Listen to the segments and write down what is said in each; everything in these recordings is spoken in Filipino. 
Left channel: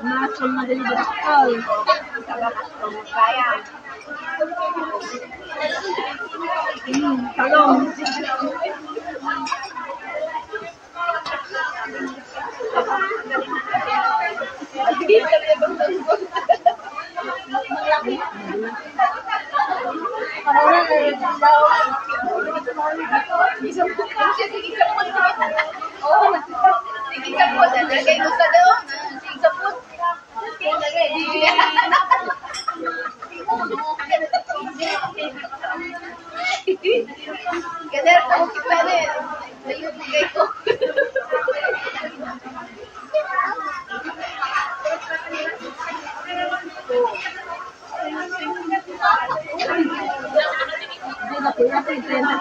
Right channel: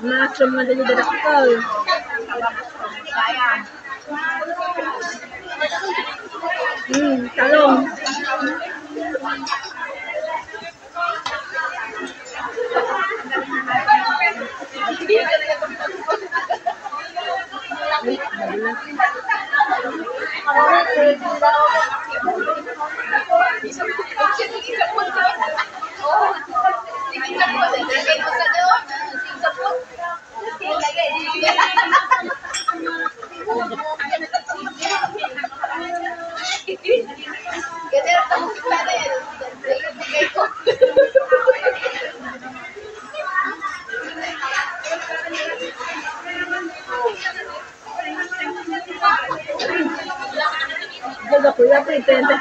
Mushroom na dali darakol. Talong. Jaga po, ya pretende.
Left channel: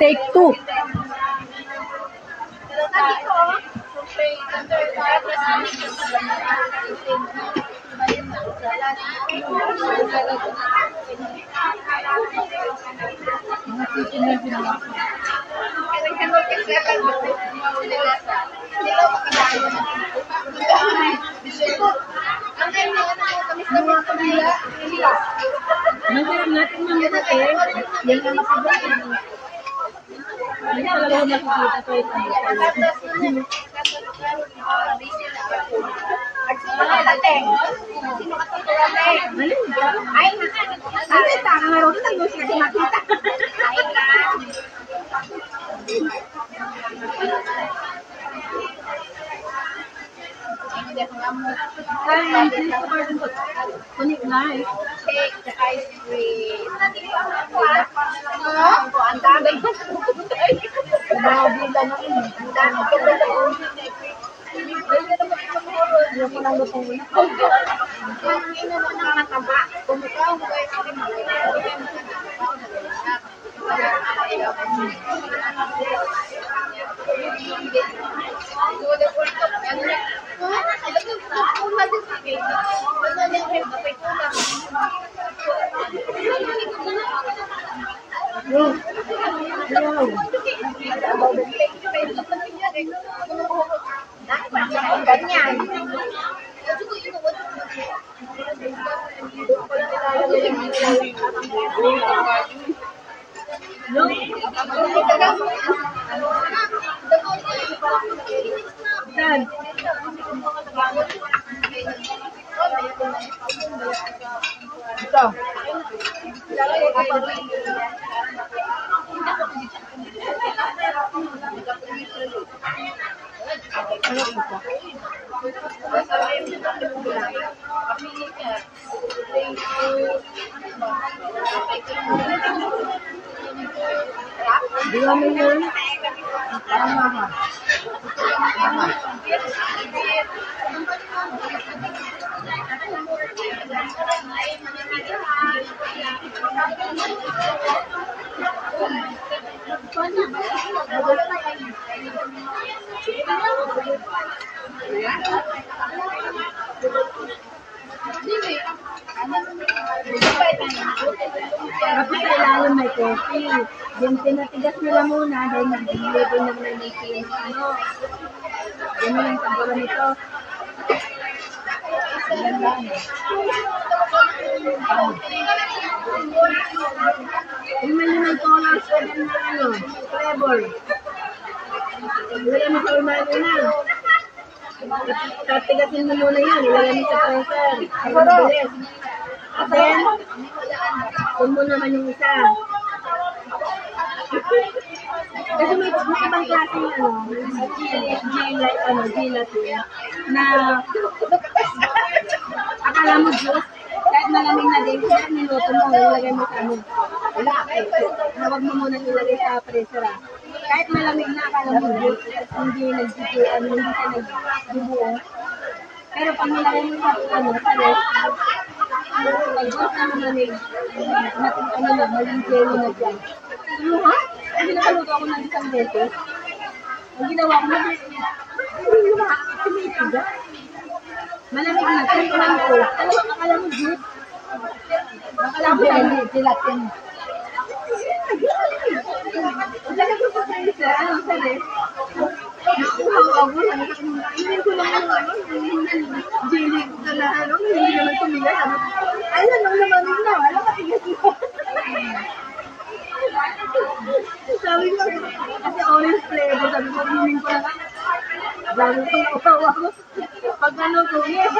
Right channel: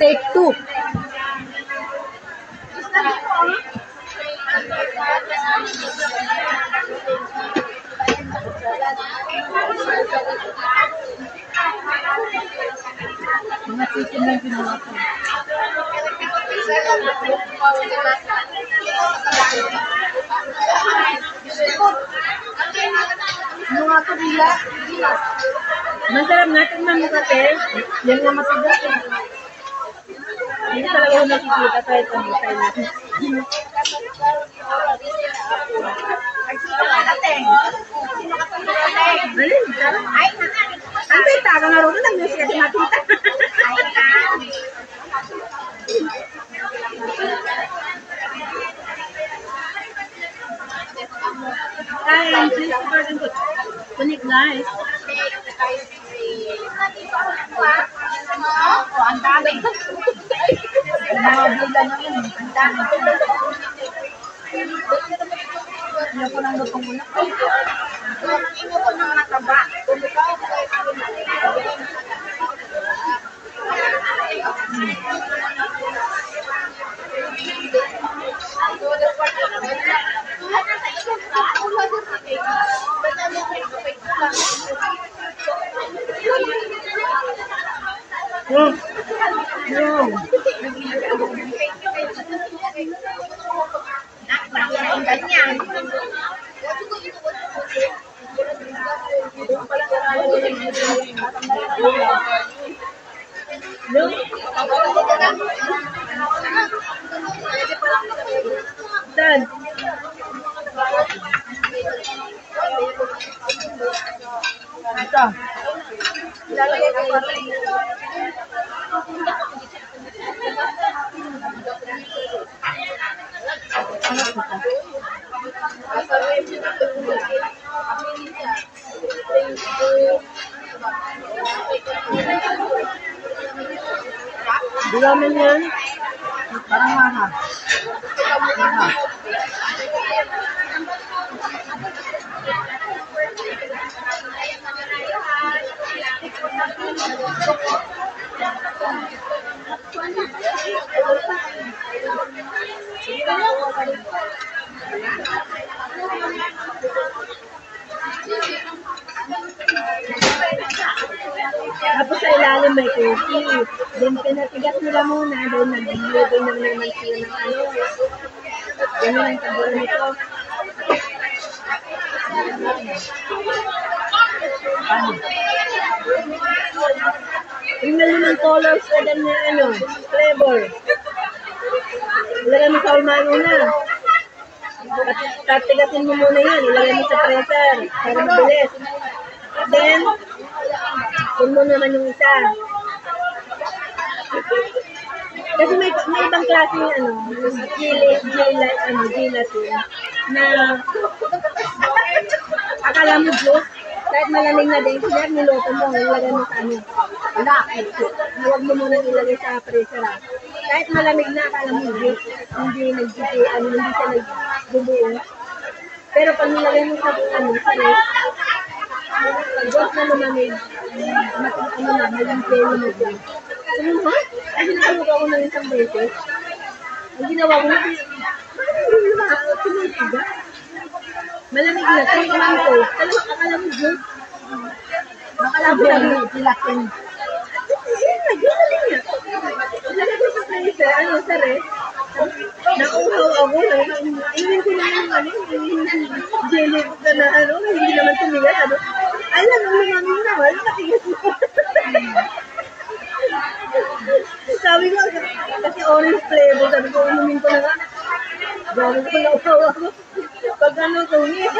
Take two. Mga chicken na ginawa ko. Mga kabila. Masarap natin mga kate. Yan nga matigas. Hindi talaga ko nakikita kahit ano tayo. Ang beta ka nga rin, nag-news kasi makita. Kain, please pardon ko. Kunik guys. Ang dami. Mga bila naman. Ang dami. Ayaw ko nang lutong muna. Ino ko ng mataba. Dan. Ito. Di naman yan. Parang maha. Maha. Tapos sa ilalim may coffee. Then pinatigas nila muna dahil nag-deliver naman sila ng ano. Yan ang taburo nito. Yung may limang colors pa dyan na ano, flavor. Ilagay mo sa unahan muna. Tatigasin mo muna yan. Ilagay mo sa pressure. Para mabilis. Then, kung mo naman yung isa. Kasi may ibang klase yung ano, gelatin na akala mo juice, kahit malamig na din, kaya niluto mo, ilagay mo sa ano. Wala, huwag mo muna ilagay sa pressure. Kahit malamig na, akala mo juice, hindi siya nagbubuo. Pero pag nilagay mo sa ano, sa rest, Pag na lumamig, ano na, maling jelly na siya. Ano ha? Kasi nakaluto ako ng isang beses. Ang ginawa ko na, tumitiga. Malamig na, tumitiman ko. Talagang akala mo juice. Akala mo lang tilatin. Ilagay ko sa freezer, sa ref. Nauhaw ako, inumin ko lang yung jelly ko na hindi naman tumigas. Alam, nung lumamig na, wala katigas mo. Sabi ko, kasi orange flavor, sabi ko, inumin ko na nga. Sabi ko, nauhaw ako. Pag tumis,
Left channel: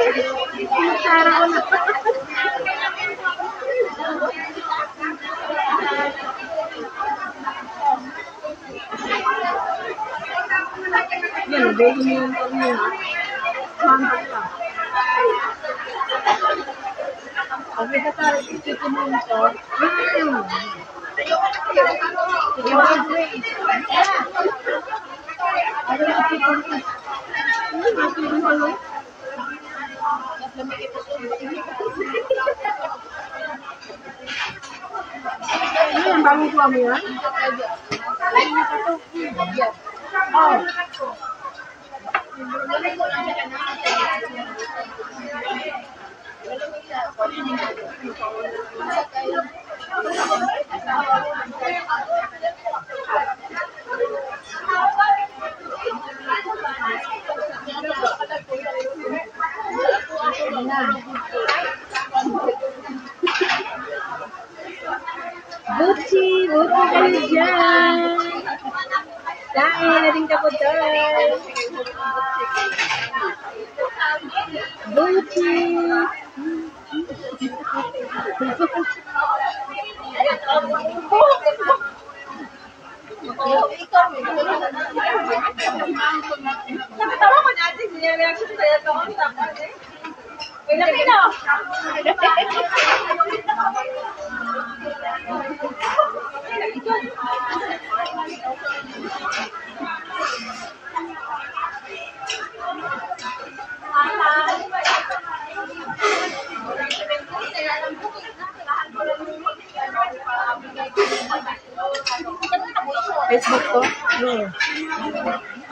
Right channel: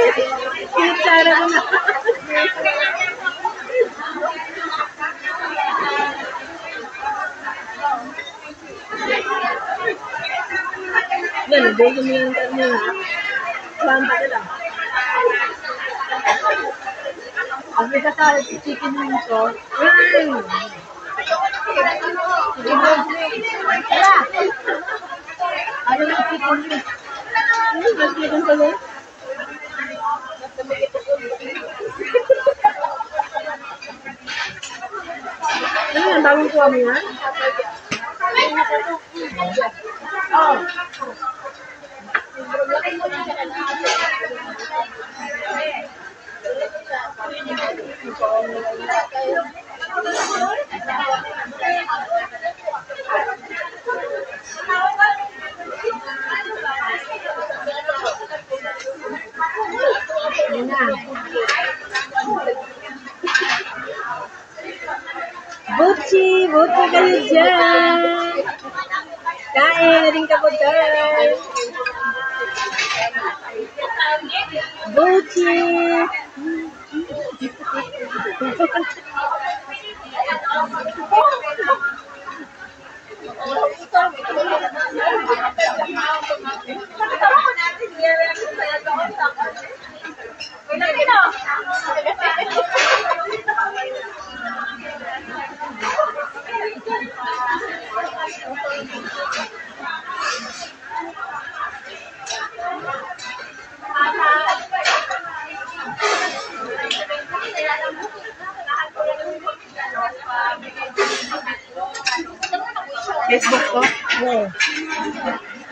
sinutsara ko na. Yan, bago mo yung karne ha. Bamba ka lang. Ang isa sa chicken wings ko. Chicken wings. Ano yung chicken wings? Ang chicken ko lang. Ano yan? Bagong kuha mo yan? Oh. Buti kayo dyan. Kain na rin ka po dyan. Buti. Facebook ko? Oo.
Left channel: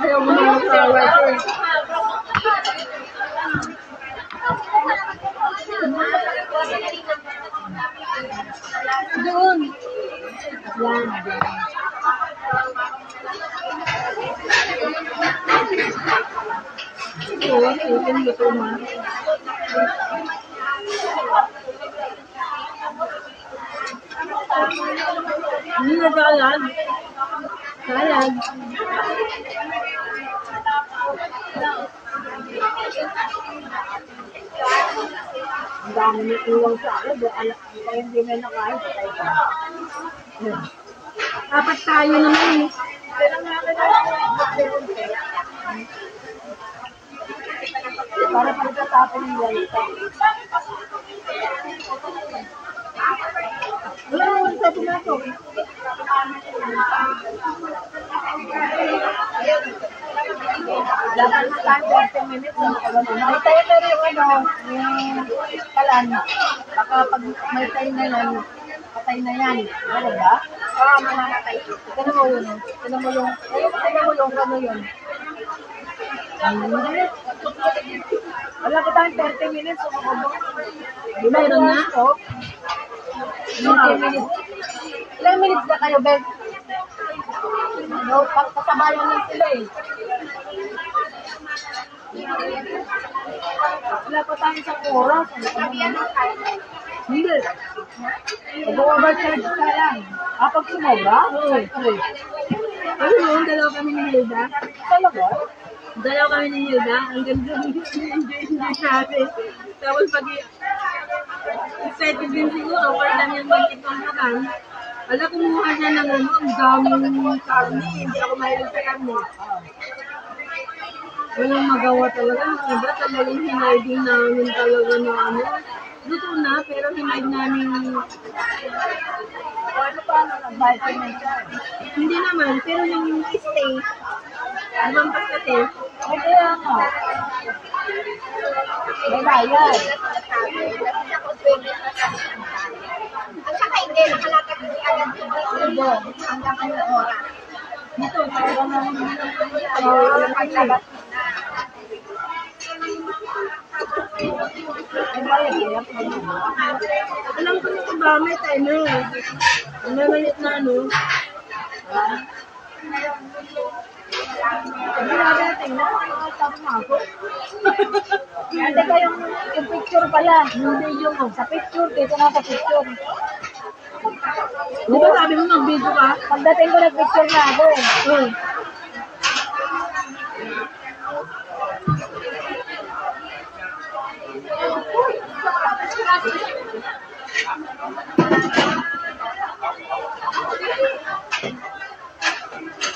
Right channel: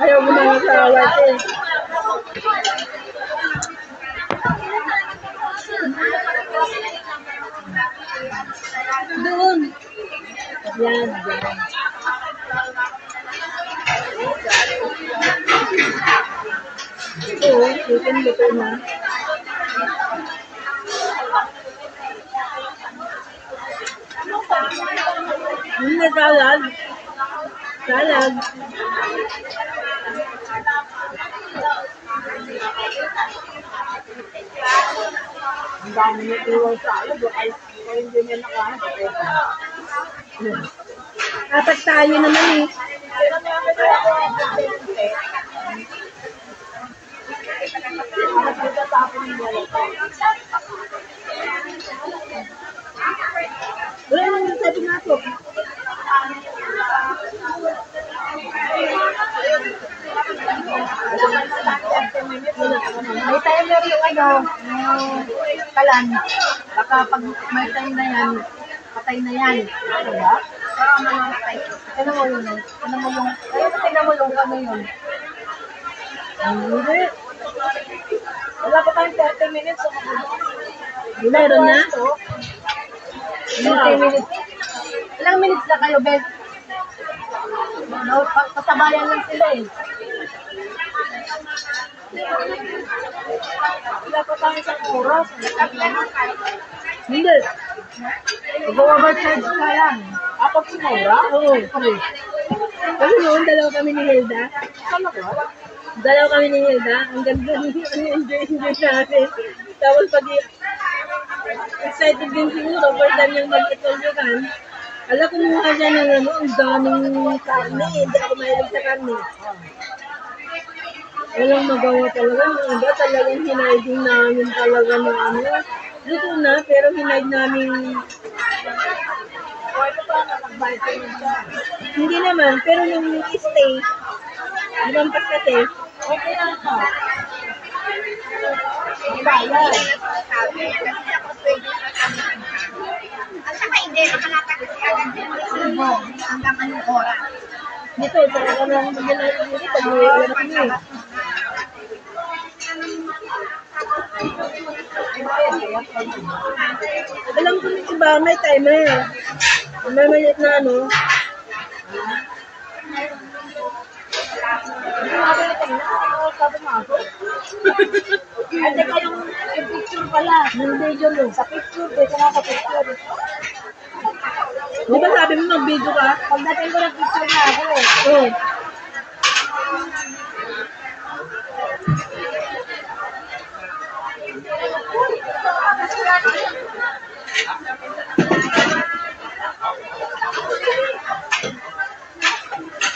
Ayaw mo na sa live eh. Doon. Yan. Oo, luto na. Hindi na salad. Salad. Ang dami niyo iwang salad. Kaya hindi may nakain. Apat tayo naman eh. Para pagkatapon yung lalaki. Wala naman sa pumasok. May timer yung kalan. Baka pag may time na yan, patay na yan. Ano ba? Baka mamamatay. Tignan mo yun. Tignan mo yung ano yun. Hindi. Wala pa tayong 30 minutes. Mayroon na? 30 minutes. Ilang minutes na kayo, Ben? Kasabayan lang sila eh. Wala pa tayo isang oras. Hindi. Mag-overcharge ka lang. Pag sumobra? Oo. Kasi noon, dalawa kami ni Hilda. Talaga? Dalawa kami ni Hilda. Ang ganda enjoy natin. Tapos pag excited din siguro, first time yung mag-itulyokan. Alam, kumuha siya ng ang daming karne. Hindi ako mahilig sa karne. Walang magawa talaga. Ang iba talagang hinaiding namin talaga na luto na, pero hinaid namin. Hindi naman, pero yung stay, lumampas kasi. Okay lang ako. May bayad. Hindi, nakalatag kasi agad yung mga subo hanggang anong oras. Dito, talaga na hindi na hindi pag Paglabas mo na. Ay, bayad kaya? Alam ko yung iba, may timer. May maliit na ano. Hindi nga rin na sabi mo ako. At teka yung picture pala. Yung video mo. Sa picture, dito nga sa picture. Di ba sabi mo mag-video ka? Pagdating ko nag-picture na ako eh. Oo.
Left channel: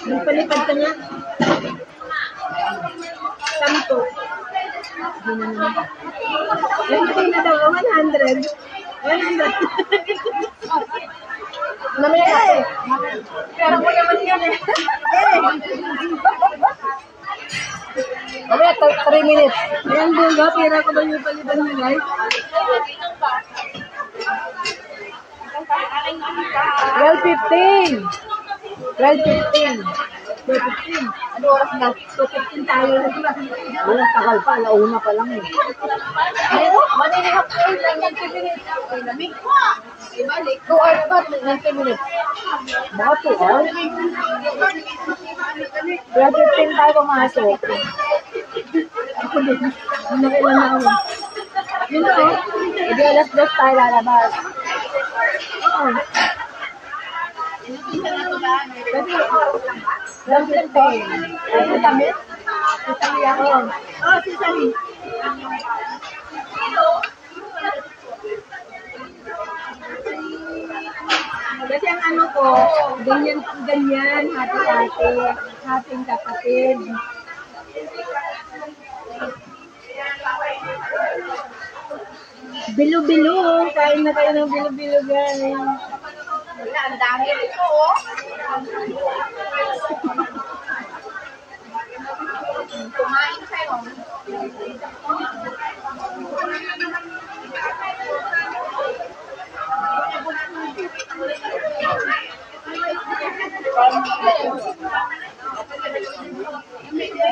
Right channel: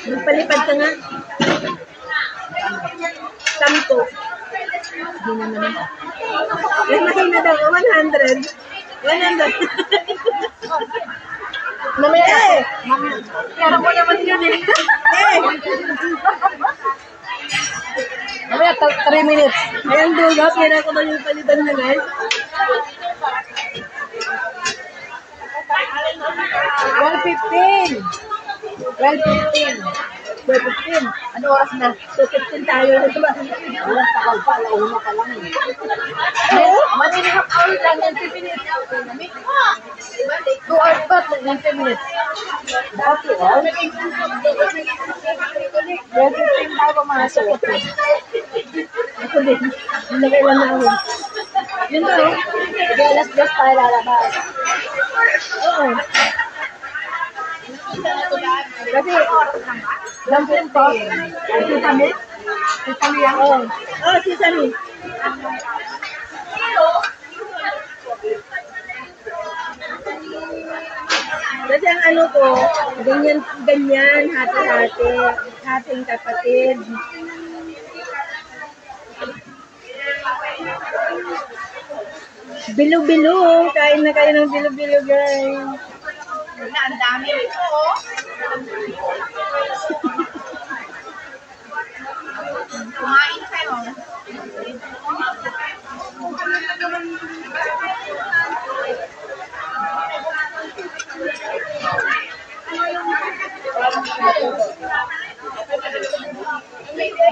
Nagpalipad ka nga. Tanto. Hindi na naman. Lagi na daw, 100. 100. Mamaya eh. Pero ko naman yun eh. Mamaya, 3 minutes. Ayan, dulo. Pira ko daw yung palipad na, guys. 12:15. 12:15. 12:15. Ano oras na? 2:15 tayo na diba? Wala, tagal pa. Alauna pa lang eh. Meron? 1.5 hours lang, 90 minutes. 2 hours pa, 90 minutes. Dati, oh. 12:15 tayo pumasok. Ako din. Hindi kailan na ako. Yun na, oh. Hindi alas-dos tayo lalabas. Oo. Kasi, dumpling po. Si Tami? Si Tami yan? Oo. Oo, si Tami. Kasi ang ano ko, ganyan, hati-hati. Hating kapatid. Bilo-bilo. Kain na kayo ng bilo-bilo, guys. Wala, ang dami ito oh. Kumain kayo.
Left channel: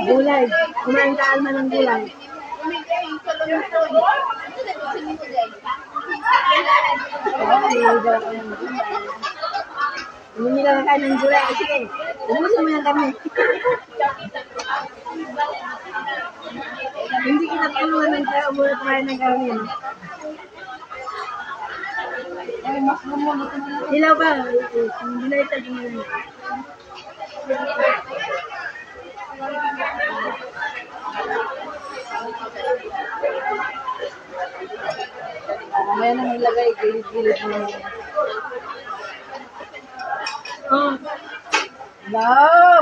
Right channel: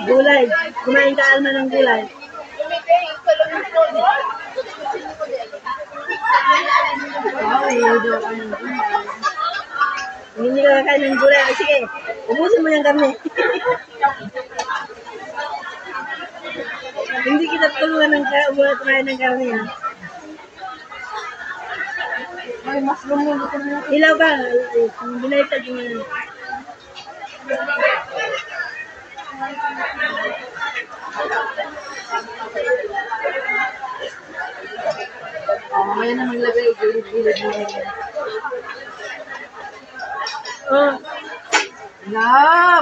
Gulay. Kumain ka, Alma, ng gulay. Hindi daw ka ng gulay. Hindi ka kakain ng gulay. Sige, ubusin mo yung kami. Hindi kita tulungan ng kumain ng karne. Ha? Ay, mas lumulo ko na lang. Ilaw ba? Binaitag mo na. Mamaya na maglagay, gilid-gilid mo. Oh,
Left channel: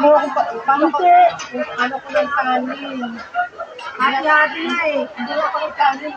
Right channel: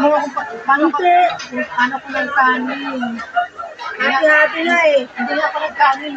Buo ko pa, paano ko, ano ko yung kanin? hati-hati na eh. Hindi nga ako nagkanin.